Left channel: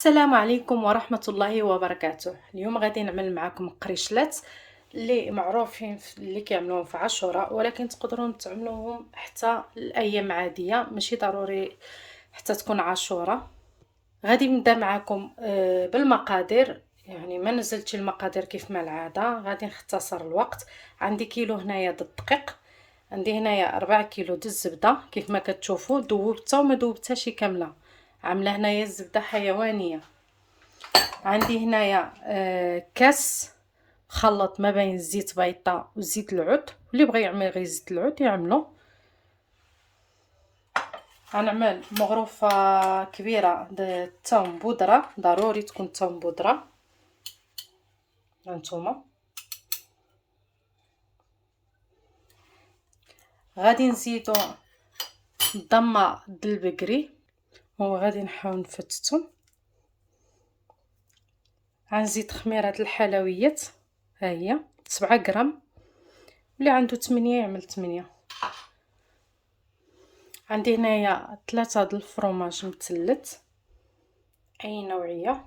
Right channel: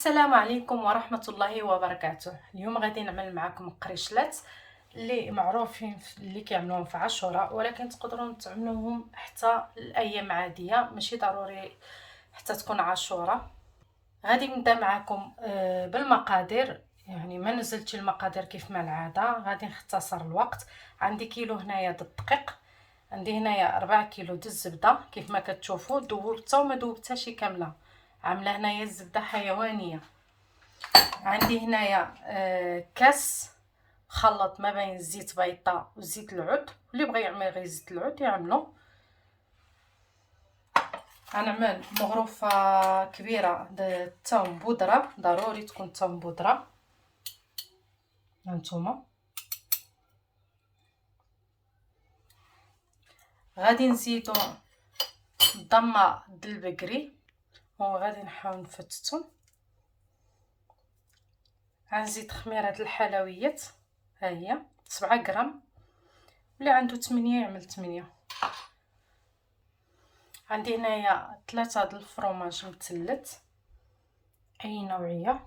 السلام عليكم ورحمة الله وبركاته. اليوم غادي نعمل معكم قريشلات اللي معروفين اللي كيعملوهم في عاشوراء، ولكن تقدروا تعملوهم حتى الايام عادية، ماشي ضروري حتى تكون عاشوراء. غادي نبدا معكم بالمقادير. يعني ما نزلتش المقادير كيف ما العادة، غادي نختصر الوقت. عندي كيلو هنايا د الدقيق، عندي هنايا 4 كيلو د الزبدة كيف ما كتشوفوا، دوبتها وما دوبتهاش كاملة، عامله هنايا الزبدة حيوانية. عندي هنايا كاس خلط ما بين الزيت بيضاء وزيت العود، اللي بغى يعمل غير زيت العود يعملو. غنعمل مغروفه كبيره د الثوم بودره، ضروري تكون الثوم بودره. هانتوما غادي نزيدو ضمه د البقري وغادي نحاول نفتتو. غنزيد خميره الحلويات، ها هي 7 غرام، اللي عنده 8 يعمل 8. عندي هنايا 3 د الفرماج مثلث اي نوعيه.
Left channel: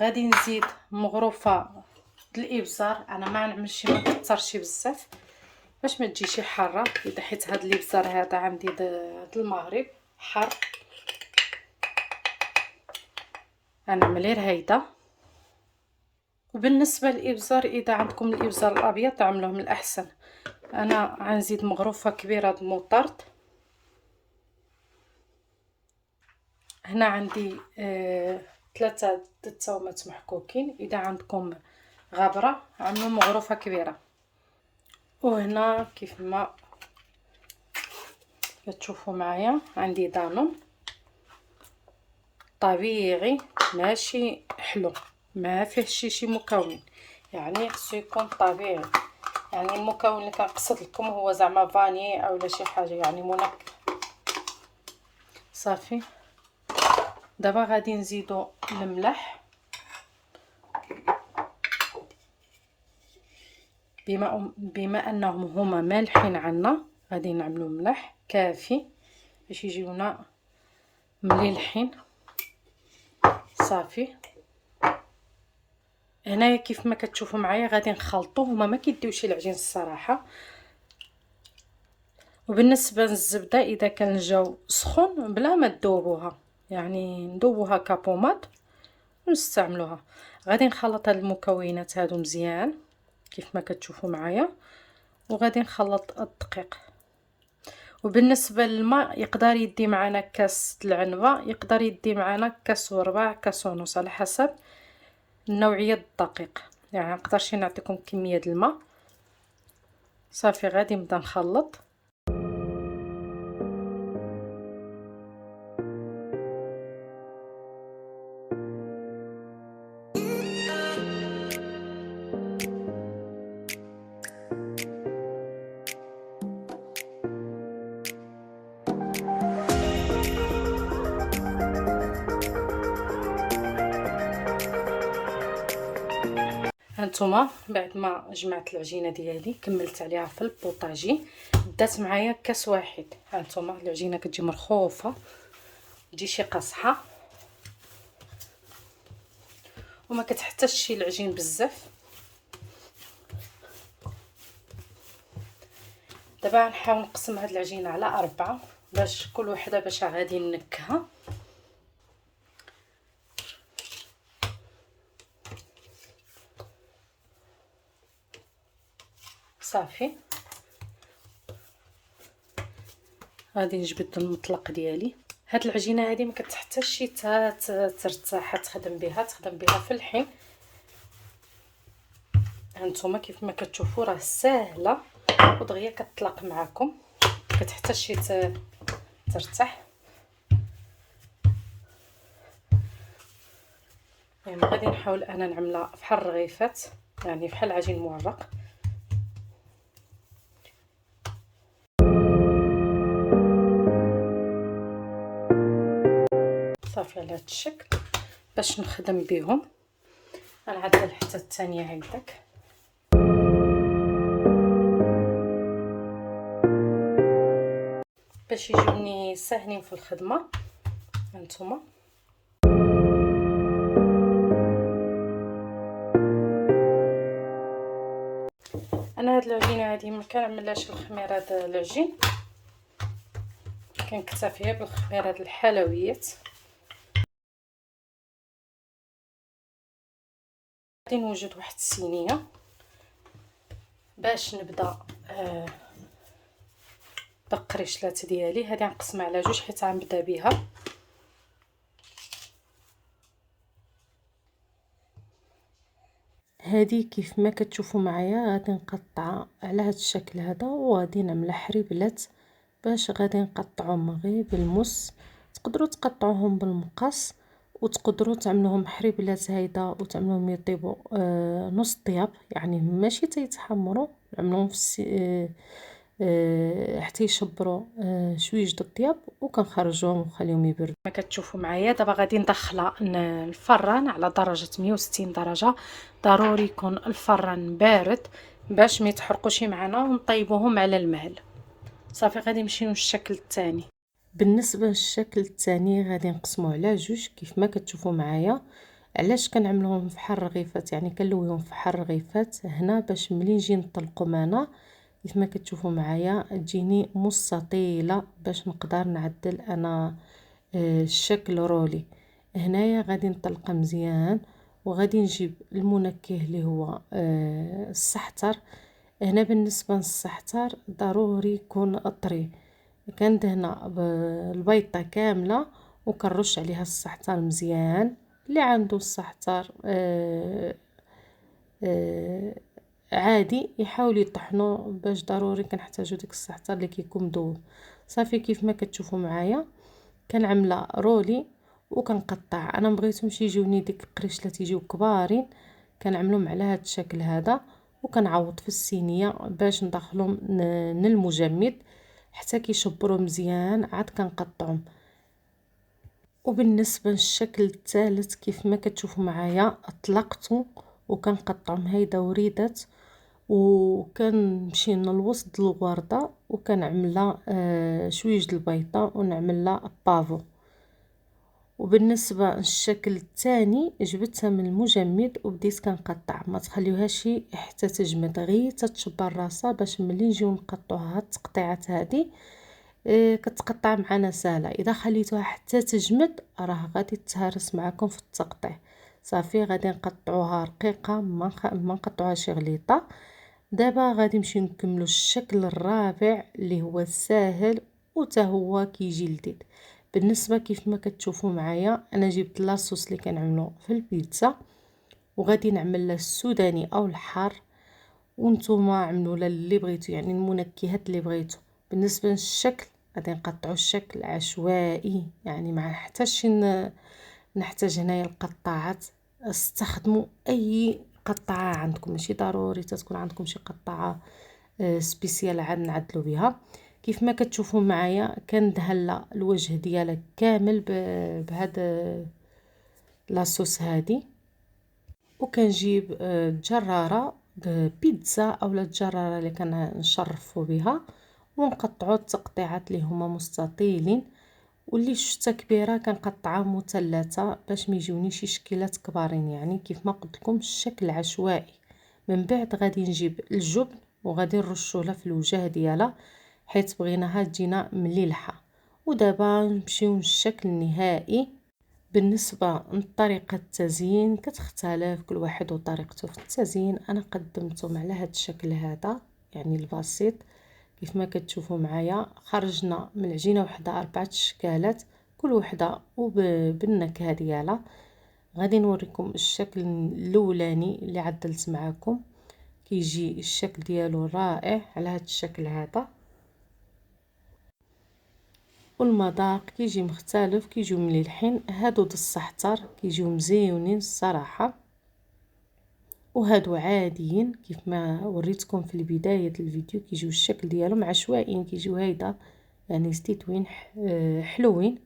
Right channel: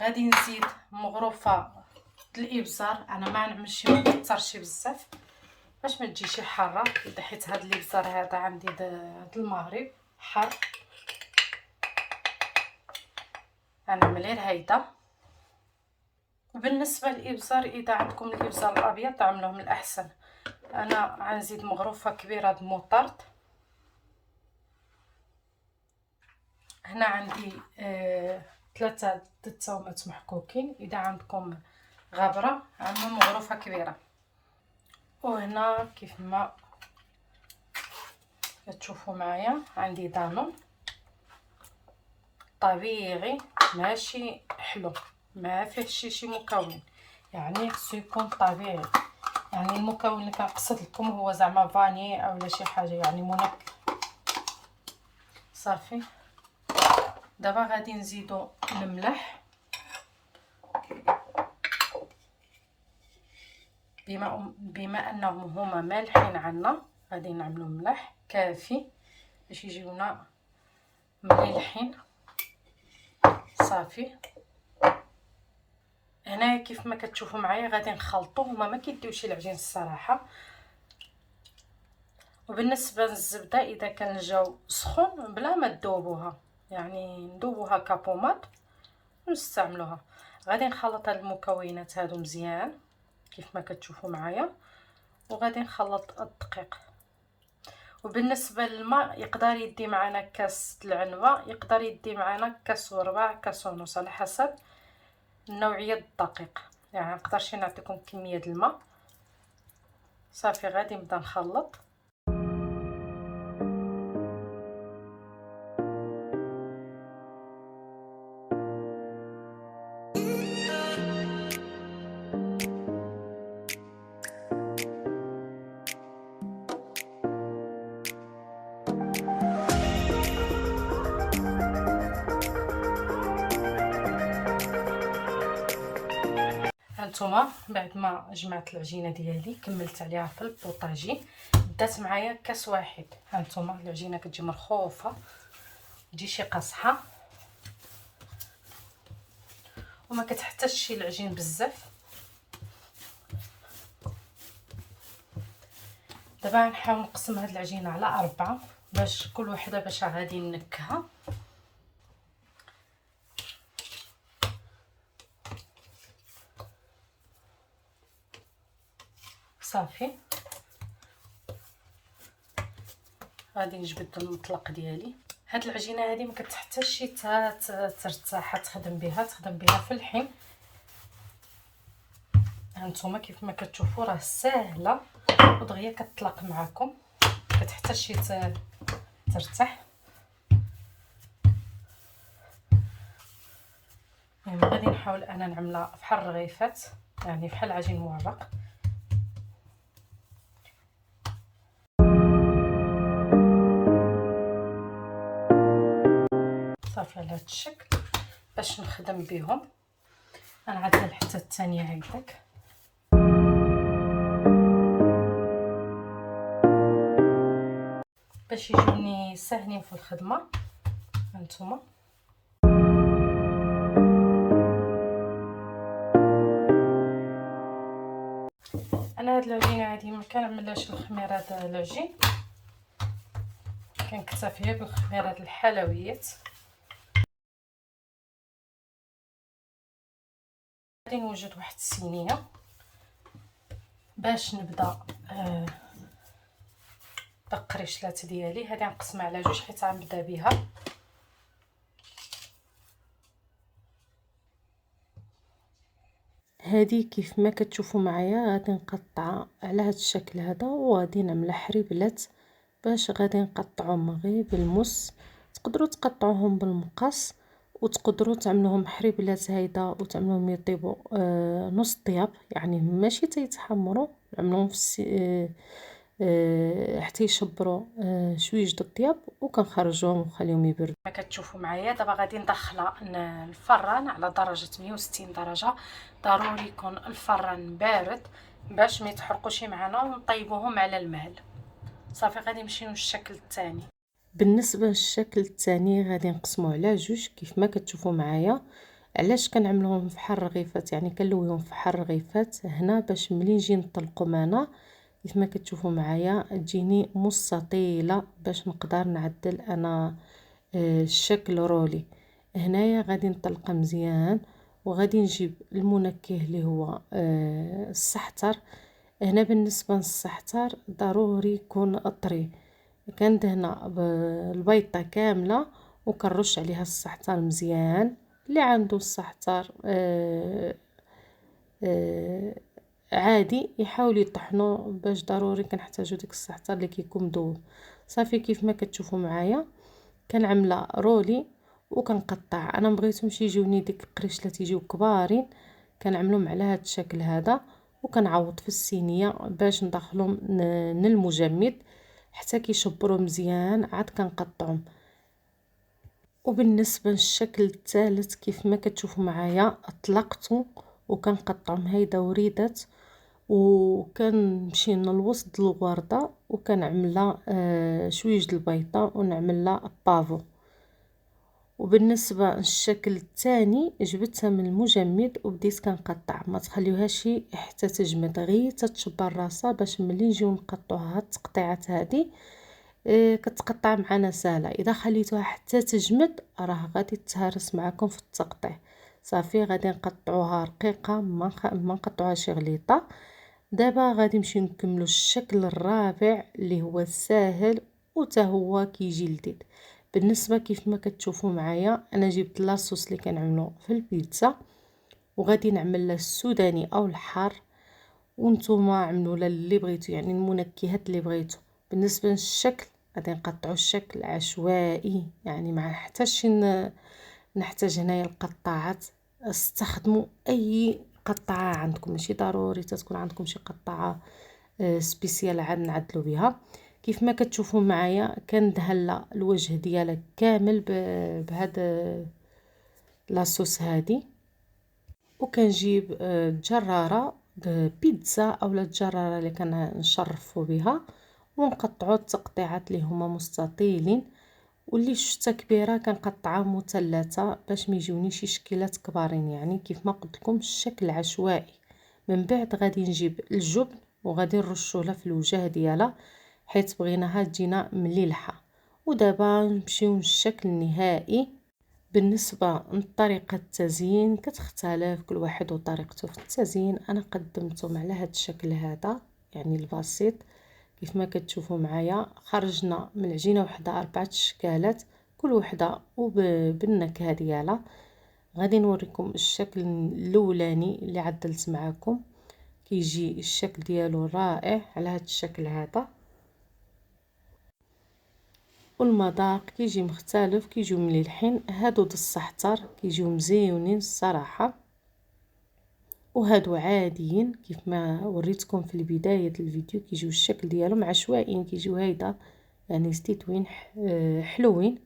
غادي نزيد مغروفه د الابزار، انا ما نعملش ما نكثرش بزاف باش ما تجيش حاره، اذا حيت هذا الابزار هذا عندي د المغرب حار، غنعمل غير هيدا. وبالنسبه للابزار اذا عندكم الابزار الابيض تعملوه من الاحسن. انا غنزيد مغروفه كبيره د المطرد. هنا عندي 3 د الثومات محكوكين، اذا عندكم غابره عملوا مغروفه كبيره. وهنا كيف ما كتشوفوا معايا عندي دانون طبيعي ماشي حلو، ما فيه شي مكون، يعني خصو يكون طبيعي. يعني المكون اللي كنقصد لكم هو زعما فاني اولا شي حاجه يعني منكه. صافي دابا غادي نزيدو الملح، بما انهم هما مالحين عنا غادي نعملو ملح كافي باش يجيونا مليحين. صافي هنايا كيف ما كتشوفوا معايا غادي نخلطوه، هما ما كيديوش العجين الصراحه. وبالنسبه للزبده اذا كان الجو سخون بلا ما تذوبوها، يعني ندوبوها كابومات ونستعملوها. غادي نخلط هاد المكونات هادو مزيان كيف ما كتشوفوا معايا، وغادي نخلط الدقيق. وبالنسبه للماء يقدر يدي معنا كاس العنبه، يقدر يدي معنا كاس وربع، كاس ونص، على حسب نوعيه الدقيق. يعني مقدرش نعطيكم كميه الماء. صافي غادي نبدا نخلط. هانتوما بعد ما جمعت العجينه ديالي كملت عليها في البوطاجي، دات معايا كاس واحد. هانتوما العجينه كتجي مرخوفه، تجي شي قاصحه وما كتحتاجش شي العجين بزاف. دابا غنحاول نقسم هاد العجينه على 4 باش كل وحده باش غادي نكها. صافي غادي نجبد المطلق ديالي. هاد العجينه هذه ما كتحتاجش ترتاح، تخدم بها في الحين. هانتوما كيف ما كتشوفوا راه ساهله ودغيا كتطلق معكم، كتحتاجش ترتاح. يعني غادي نحاول انا نعملها بحال الرغيفات، يعني بحال عجين مورق. صافي على هذا الشكل باش نخدم بهم. انا عاد حتى الثانيه هيداك. باش يجوني ساهلين في الخدمه. هانتوما كنعملهاش الخميره هذا العجين، كنكتفي بالخميره هذه الحلويات. غادي نوجد واحد الصينيه باش نبدا بالقريشلات ديالي. هذه غنقسمها على جوج حيت غنبدا بها. هذه كيف ما كتشوفوا معايا غادي نقطعها على هذا الشكل هذا، وغادي نعملها حريبلات باش غادي نقطعهم غير بالمس. تقدروا تقطعوهم بالمقص وتقدروا تعملوهم حريبلات هيدا وتعملوهم يطيبوا نص طياب، يعني ماشي تيتحمروا، نعملوهم في حتى يشبروا شويج د الطياب وكنخرجوهم ونخليهم يبردوا. ما كتشوفوا معايا دابا غادي ندخلها الفران على درجه 160 درجه. ضروري يكون الفران بارد باش ما يتحرقوش معنا، ونطيبوهم على المهل. صافي غادي نمشيو للشكل الثاني. بالنسبه للشكل الثاني غادي نقسموه على جوج كيف ما كتشوفوا معايا. علاش كنعملوهم فحال الرغيفات، يعني كنلويهم فحال الرغيفات هنا باش ملي نجي نطلقهم انا كيف ما كتشوفوا معايا تجيني مستطيله باش نقدر نعدل انا الشكل رولي. هنايا غادي نطلقها مزيان وغادي نجيب المنكه اللي هو السحتر. هنا بالنسبه للسحتر ضروري يكون طري. كندهنها بالبيضه كامله وكنرش عليها السحتر مزيان. اللي عنده السحتر عادي يحاول يطحنو باش ضروري كنحتاجو ديك السحتر اللي كيكون مذوب. صافي كيف ما كتشوفوا معايا كنعملها رولي وكنقطع. انا مبغيتهمش يجيوني ديك القريشلات يجيو كبارين، كنعملهم على هذا الشكل هذا وكنعوض في الصينيه باش ندخلهم المجمد حتى كيشبروا مزيان عاد كنقطعهم. وبالنسبه للشكل الثالث كيف ما كتشوفوا معايا اطلقته وكنقطعهم هيدا وريدات، وكنمشي للوسط الورده وكنعملها شويج البيضه ونعملها بافو. وبالنسبه للشكل الثاني جبتها من المجمد وبديت كنقطع، ما تخليوهاش حتى تجمد غير تتشبر راسها باش ملي نجيو نقطعوها التقطيعات هذه كتقطع معنا سهله. اذا خليتوها حتى تجمد راه غادي تهرس معكم في التقطيع. صافي غادي نقطعوها رقيقه ما نقطعوهاش غليظه. دابا غادي نمشيو نكملوا الشكل الرابع اللي هو ساهل وتا هو كيجي لذيذ. بالنسبه كيف ما كتشوفوا معايا انا جبت لاصوص اللي كنعملو في البيتزا وغادي نعمل له السوداني او الحار، وانتم عملوا اللي بغيتو يعني المنكهات اللي بغيتو. بالنسبه للشكل غادي نقطعوا الشكل عشوائي، يعني ما حتى شي نحتاج هنايا القطاعات. استخدموا اي قطعه عندكم، ماشي ضروري تكون عندكم شي قطعه سبيسيال عاد نعدلوا بها. كيف ما كتشوفوا معايا كندهن الوجه ديالها كامل بهذا لاصوص هذه، وكنجيب جراره بيتزا اولا الجراره اللي كنشرفوا بها ونقطعوا التقطيعات اللي هما مستطيلين، واللي شتا كبيره كنقطعها مثلثه باش ما يجونيش شي شكلات كبارين. يعني كيف ما قلت لكم الشكل عشوائي. من بعد غادي نجيب الجبن وغادي نرشو لها في الوجه ديالها حيت بغيناها تجينا مليلحه. ودابا نمشيو للشكل النهائي. بالنسبه لطريقه التزيين كتختلف كل واحد وطريقته في التزيين. انا قدمتهم على هذا الشكل هذا يعني البسيط. كيف ما كتشوفوا معايا خرجنا من العجينه وحده 4 اشكالات كل وحده وبالنكهه ديالها. غادي نوريكم الشكل الاولاني اللي عدلت معاكم كيجي الشكل ديالو رائع على هذا الشكل هذا، والمذاق كيجي مختلف كيجيو مليحين. هادو د السحتر كيجيو مزيونين الصراحه، وهادو عاديين كيف ما وريتكم في البدايه الفيديو كيجيو الشكل ديالهم عشوائيين كيجيو هيدا يعني مستويين حلوين.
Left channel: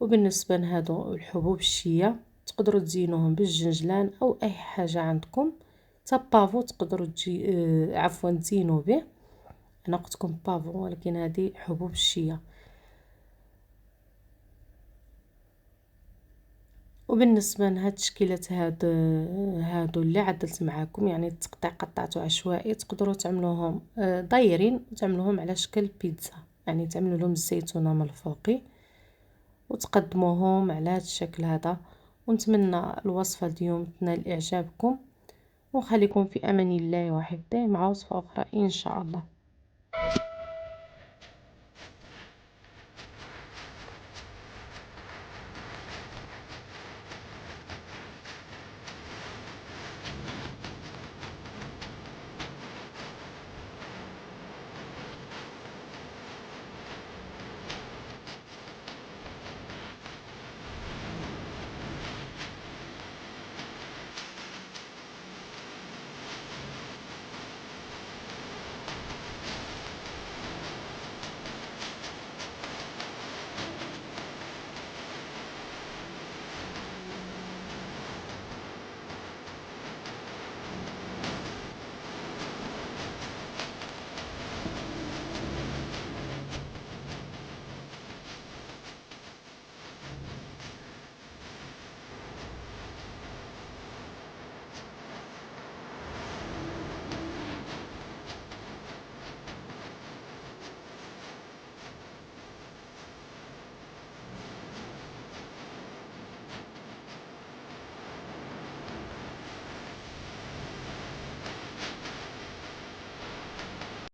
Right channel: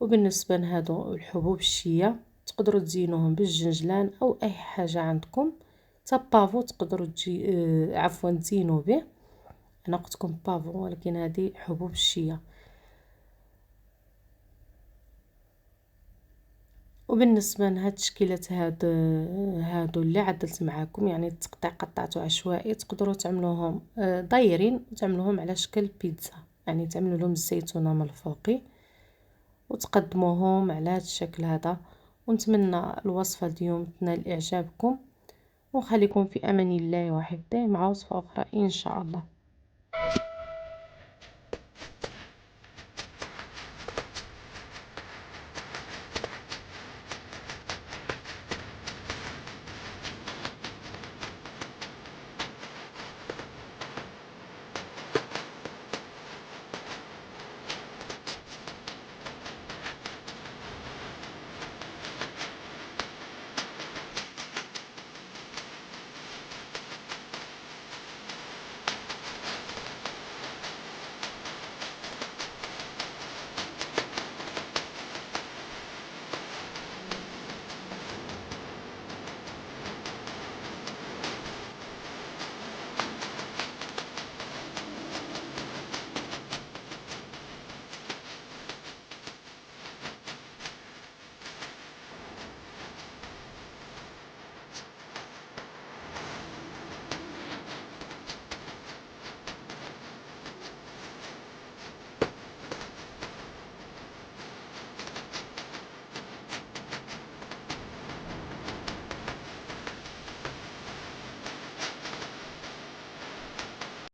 وبالنسبه لهادو الحبوب الشيه تقدروا تزينوهم بالجنجلان او اي حاجه عندكم. بافو تقدروا عفوا تزينوا به. انا قلت لكم بافو ولكن هذه حبوب الشيه. وبالنسبة لهاد التشكيلات هادو اللي عدلت معاكم، يعني التقطيع قطعته عشوائي، تقدروا تعملوهم دايرين وتعملوهم على شكل بيتزا، يعني تعملوا لهم الزيتونه من الفوقي وتقدموهم على هذا الشكل هذا. ونتمنى الوصفه اليوم تنال اعجابكم، وخليكم في امان الله وحفظه مع وصفه اخرى ان شاء الله.